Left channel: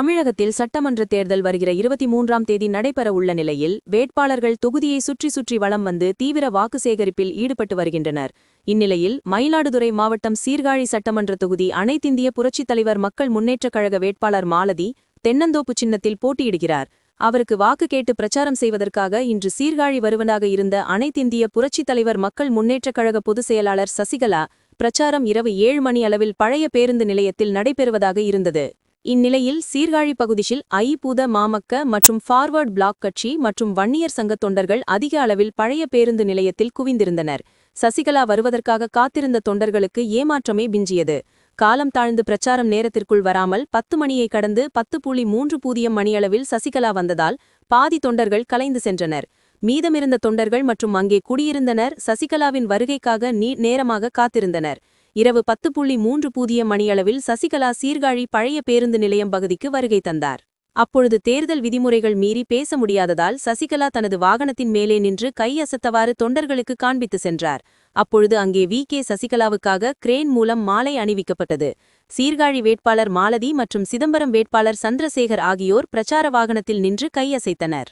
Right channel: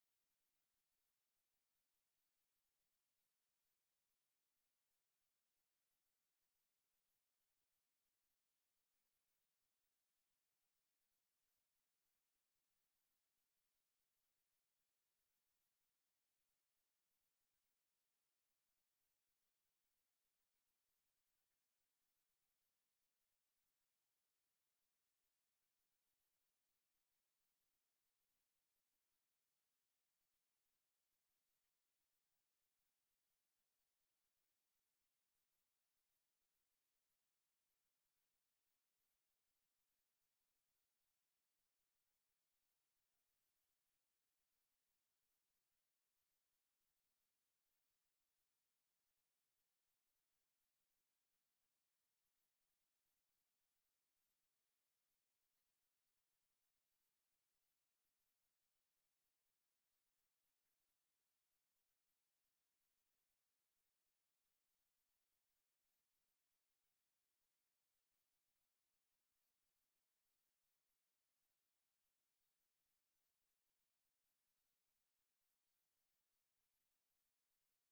தமிழகத்தில் சட்டமன்ற தேர்தல் வருகிற 23ஆம் தேதி நடைபெற உள்ள நிலையில் வேட்பாளர்கள் தொகுதியை சுற்றி சுற்றி வலம் வந்து தீவிர வாக்கு சேகரிப்பில் ஈடுபட்டு வருகின்றனர். இந்நிலையில் மயிலாடுதுறை மாவட்டம் சீர்காழி சட்டமன்ற தொகுதி அனைத்திந்திய புரட்சித் தலைவர் மக்கள் முன்னேற்றக் கழக வேட்பாளர் மாலதி தென்னந்தோப்பு சின்னத்தில் போட்டியிடுகிறார். அவருக்கு வாக்கு கேட்டு பிரச்சாரம் செய்வதற்காக இன்று சீர்காழி வருவதாக இருந்த அனைத்திந்திய புரட்சித் தலைவர் மக்கள் முன்னேற்றக் கழக பொதுச் செயலாளர் சசிகலா பிரச்சாரம் இரவு 7 மணி அளவில் பழைய பேருந்து நிலையத்தில் நடைபெறுவதாக இருந்தது. இந்நிலையில் சீர்காழி பகுதியில் ஐ.பூத மாமக்க மற்றும் ஃபார்வர்ட் பிளாக் கட்சி மற்றும் வன்னியர் சங்க தொண்டர்கள் அதிக அளவில் பழைய பேருந்து நிலையத்தில் குவிந்திருந்தனர். சசிகலா வருவதற்காக காத்திருந்த தொண்டர்களுக்கு ஏமாற்றமே விஞ்சியது. காலம் தாழ்ந்து பிரச்சாரம் நேரத்திற்குள் வராமல் 10 மணியை கடந்து 10:30 மணியளவில் சசிகலா வந்ததால் பாதி தொண்டர்கள் கலைந்து சென்றனர். மீதமிருந்த தொண்டர்கள் மற்றும் அங்கே குடியிருந்தனர் சசிகலாவின் வருகைக்காக நேரமாக காத்திருந்தனர். இரவு 10:30 மணியளவில் சசிகலா சீர்காழி பழைய பேருந்து நிலையம் பகுதிக்கு வருகை தந்தார். அப்பொழுது தேர்தல் விதிமுறைகள் மீறி பேச முடியாததால் சசிகலா தனது வாகனத்தின் மேலே நின்று கை அசத்தவாறு தொண்டர்களுக்கு காண்பித்து சென்றார். அப்பொழுது அங்கே கே சசிகலாவுக்காக கிரேன் மூலம் மாலை அணிவிக்கப்பட்டது. சீர்காழி வேட்பாளர் மாலதி மற்றும் சிதம்பரம் வேட்பாளர் சந்திரசேகர் ஆகியோர் பிரச்சார வாகனத்தில் நின்று கையசைத்தனர்.